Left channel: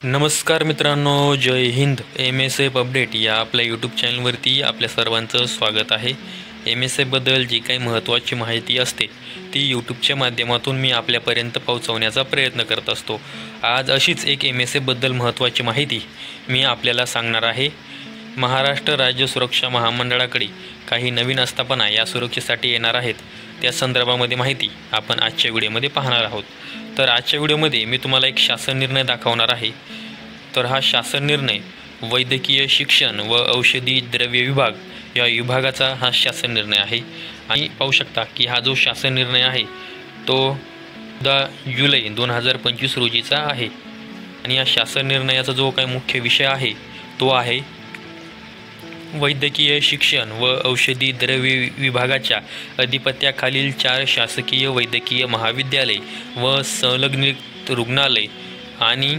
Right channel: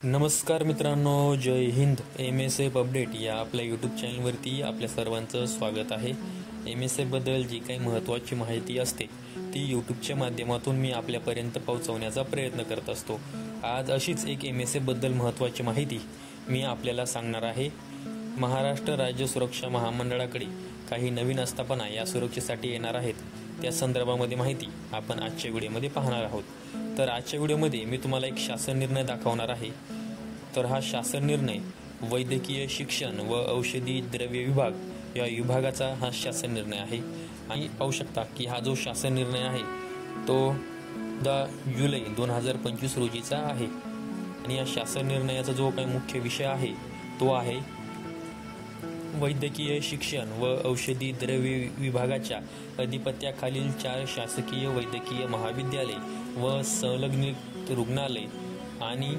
नमस्कार मित्रांनो, जय Hind. MSF update या आपल्या यूट्यूब चॅनलवरती आपल्या सर्वांचं स्वागत आहे. MSFबद्दल जी काही महत्त्वाची माहिती असते ती यूट्यूबच्या माध्यमातून मी आपल्यापर्यंत पोहोचवण्याचा प्रयत्न करत असतो. आज अशीच एक MSFबद्दल महत्त्वाची माहिती मी आपल्याला सांगणार आहे. महाराष्ट्र राज्य सुरक्षा महामंडळाकडे काही नवीन आस्थापना या सुरक्षेसाठी येणार आहेत. त्या संदर्भामध्ये माहिती आपण आजच्या व्हिडिओमध्ये पाहणार आहोत. तर आजच्या व्हिडिओमध्ये मी तुम्हाला एक शासन निर्णय दाखवणार आहे. तर हा शासन निर्णय वैद्यकीय शिक्षण व औषधी द्रव्य विभाग या विभागाचा हा शासन निर्णय आहे. आणि पाहू शकता की हा जो शासन निर्णय आहे तो 10 जुलै 2025 रोजीचा आहे. आणि या शासन निर्णयाचा जो काही मुख्य विषय आहे तो आहे वैद्यकीय शिक्षण व औषधी द्रव्य विभागाच्या अधिपत्याखालील 4 शासकीय वैद्यकीय महाविद्यालय व संलग्नित रुग्णालय आणि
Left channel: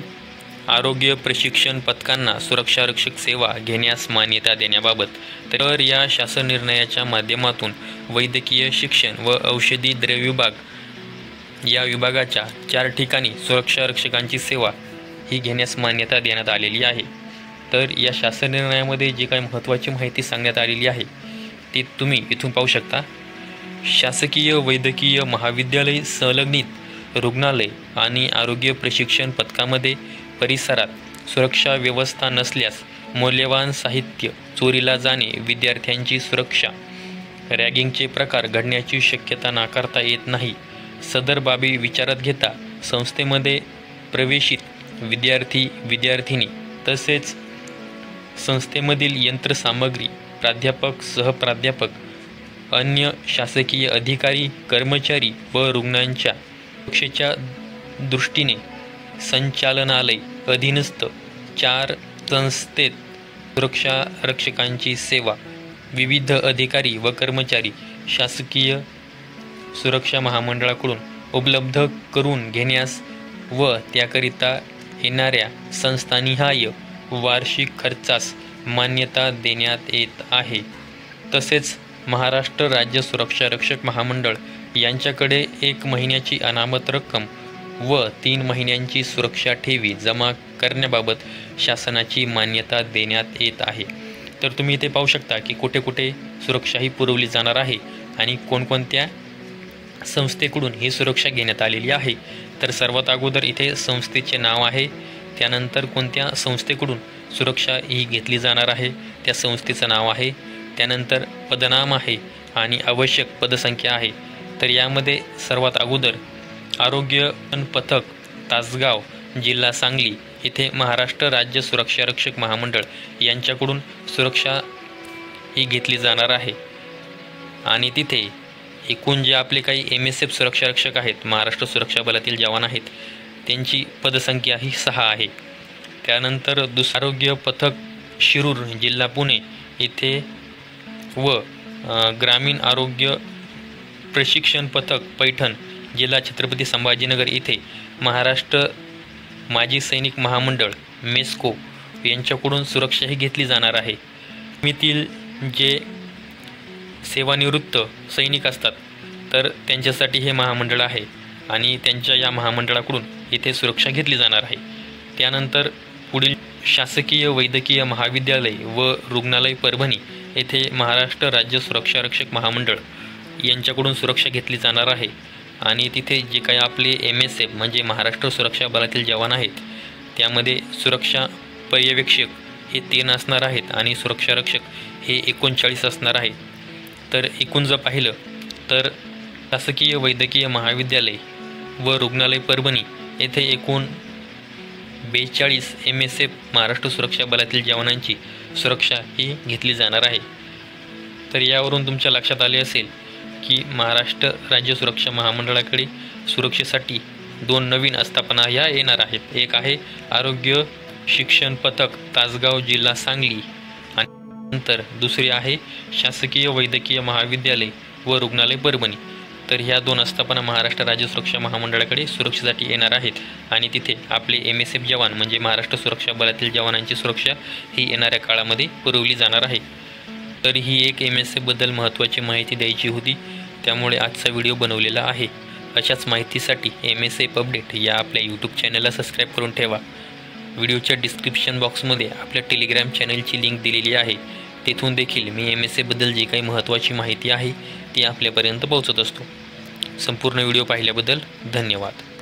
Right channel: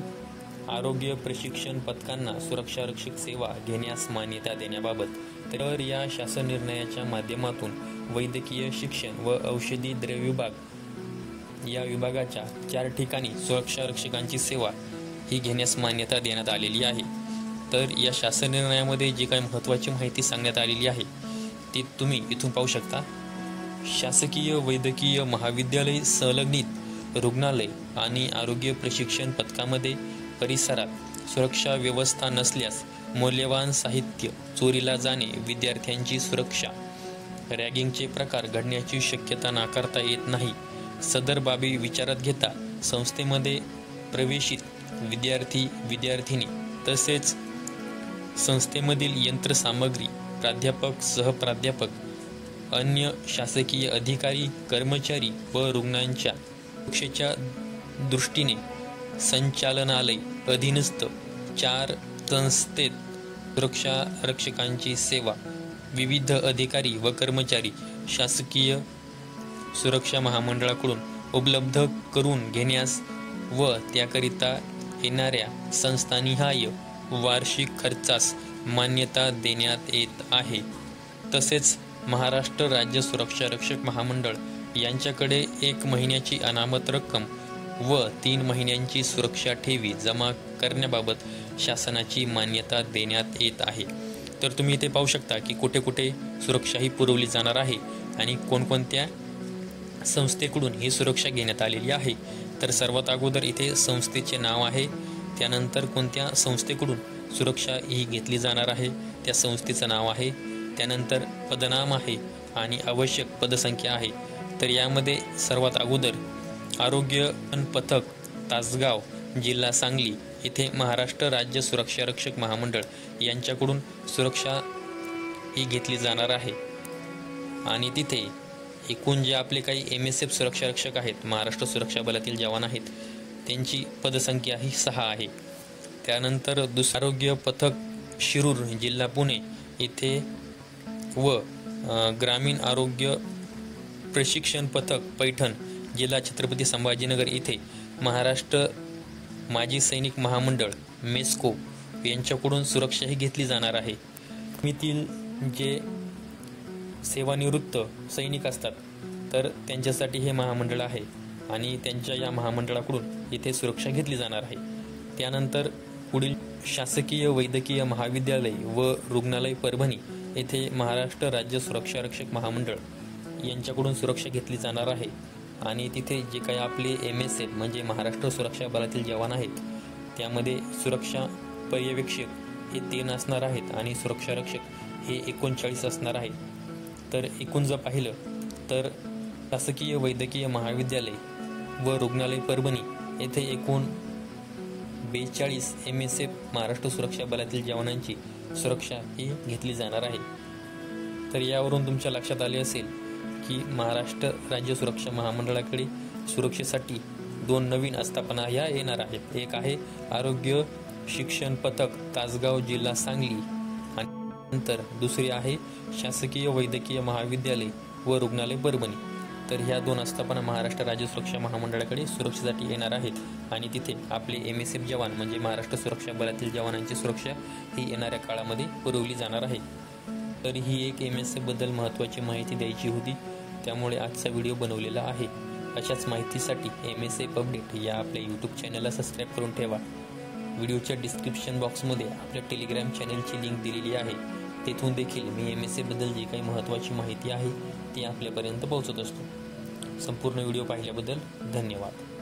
आरोग्य प्रशिक्षण पथकांना सुरक्षारक्षक सेवा घेण्यास मान्यता देण्याबाबत. तर या शासन निर्णयाच्या माध्यमातून वैद्यकीय शिक्षण व औषधी द्रव्य विभाग या विभागाच्या 4 ठिकाणी सुरक्षारक्षकांची सेवा ही घेण्यास मान्यता देण्यात आलेली आहे. तर या शासन निर्णयामध्ये जी काही महत्त्वाची माहिती सांगण्यात आलेली आहे ती तुम्ही इथून पाहू शकता. शासकीय वैद्यकीय महाविद्यालय संलग्नित रुग्णालय आणि आरोग्य प्रशिक्षण पथकामध्ये परिसरात सुरक्षा व्यवस्था नसल्यास मौल्यवान साहित्य चोरीला जाणे, विद्यार्थ्यांची सुरक्षा, रॅगिंगचे प्रकार घडण्याची शक्यता नाकारता येत नाही. सदर बाबी विचारात घेता संस्थेमध्ये प्रवेशित विद्यार्थी-विद्यार्थिनी तसेच संस्थेमधील यंत्रसामग्री, प्राध्यापक, सहप्राध्यापक, अन्य शासकीय अधिकारी, कर्मचारी व रुग्णांच्या सुरक्षेच्या दृष्टीने संचालनालय अधीनस्थ 4 संस्थेत सुरक्षारक्षकांची सेवा विविध अधिकारी व कर्मचारी शासकीय सुरक्षा महामंडळाकडून उपलब्ध करून घेण्यास व त्याकरिता येणाऱ्या संस्थानिहाय वार्षिक खर्चास मान्यता देण्यात येत आहे. तसेच महाराष्ट्र राज्य सुरक्षारक्षक महामंडळ यांच्याकडे 1 महिन्याची अनामत रक्कम व 3 महिन्यांची सुरक्षा ठेवी जमा करण्याबाबत शासनाची मान्यता देण्यात येत आहे. तर तुम्ही इथे पाहू शकता की कुठे कुठे सुरक्षा ही पुरवली जाणार आहे आणि कोणकोणत्या संस्थेकडून ही सुरक्षा घेण्यात आलेली आहे. तर सर्वात अगोदर इथे संस्थेचे नाव आहे, त्यानंतर कोणत्या संस्थेकडून सुरक्षा ही घेतली जाणार आहे त्या संस्थेचं नाव आहे, त्यानंतर पदनाम आहे आणि आवश्यक पदसंख्या आहे. तर यामध्ये सर्वात अगोदर आरोग्य पथक तासगाव जिल्हा सांगली येथे महाराष्ट्र राज्य सुरक्षारक्षक महामंडळ यांच्याकडून सुरक्षा ही घेतली जाणार आहे. आणि तिथे एकूण जे आपले काही MSF सुरक्षारक्षक आहेत, महाराष्ट्र सुरक्षा बलातील जवान आहेत, त्यांची पदसंख्या ही 6 आहे. त्यानंतर आरोग्य पथक शिरूर जिल्हा पुणे येथे व ग्रामीण आरोग्य प्रशिक्षण पथक पैठण जिल्हा छत्रपती संभाजीनगर येथे महाराष्ट्र माजी सैनिक महामंडळ मेस्को यांच्याकडून सुरक्षा ही घेतली जाणार आहे. मितील जे सेवानिवृत्त सैनिक असतात तर त्यांच्यासाठी हे महामंडळ आहे आणि त्यांच्या या महामंडळाकडून येथे सुरक्षा घेतली जाणार आहे. त्यानंतर पुढील शासकीय वैद्यकीय महाविद्यालय व रुग्णालय परभणी येथे महाराष्ट्र राज्य सुरक्षारक्षक महामंडळ यांच्याकडून सुरक्षा घेतली जाणार आहे. आणि तिथे जे काही आपले MSF म्हणजे महाराष्ट्र सुरक्षा बलातील जवान आहेत त्यामध्ये सुरक्षा पर्यवेक्षक हे 3 असणार आहेत आणि सुरक्षारक्षक हे 39 असणार आहे. तर एकूण जर पाहिलं तर शासकीय वैद्यकीय महाविद्यालय व रुग्णालय परभणी येथे एकूण 42 MSF महाराष्ट्र सुरक्षा बलातील जवानांची सुरक्षा ही घेतली जाणार आहे. तर यावरून तुमच्या लक्षात आले असेल की महाराष्ट्र राज्य सुरक्षा महामंडळाकडे सुरक्षेसाठी 2 नवीन आस्थापना ह्या येणार आहेत. एक आहे आरोग्य शिक्षण पथक तासगाव जिल्हा सांगली आणि नंतर दुसरी आहे शासकीय वैद्यकीय महाविद्यालय व रुग्णालय परभणी. तर ह्या 2 आस्थापना महाराष्ट्र राज्य सुरक्षा महामंडळाकडे सुरक्षेसाठी येणार आहेत आणि तिथे आपले MSF जवान म्हणजे महाराष्ट्र सुरक्षा बलातील जवानांची सुरक्षा ही येणाऱ्या काळामध्ये पुरवली जाणार आहे. तर ही एक MSFबद्दल महत्त्वाची माहिती द्यायची होती, त्यामुळे आजचा व्हिडिओ बनवलेला आहे. अशाच माहितीसाठी MSF अपडेट या आपल्या यूट्यूब चॅनलला सबस्क्राईब करून ठेवा. व्हिडिओच्या डिस्क्रिप्शन बॉक्समध्ये आपल्या टेलिग्राम चॅनलची लिंक दिलेली आहे. तेथून देखील मी MSA बद्दल जी काही महत्त्वाची माहिती आहे ती आपल्यापर्यंत पोहोचत असतो. संपूर्ण व्हिडिओ पाहिल्याबद्दल धन्यवाद.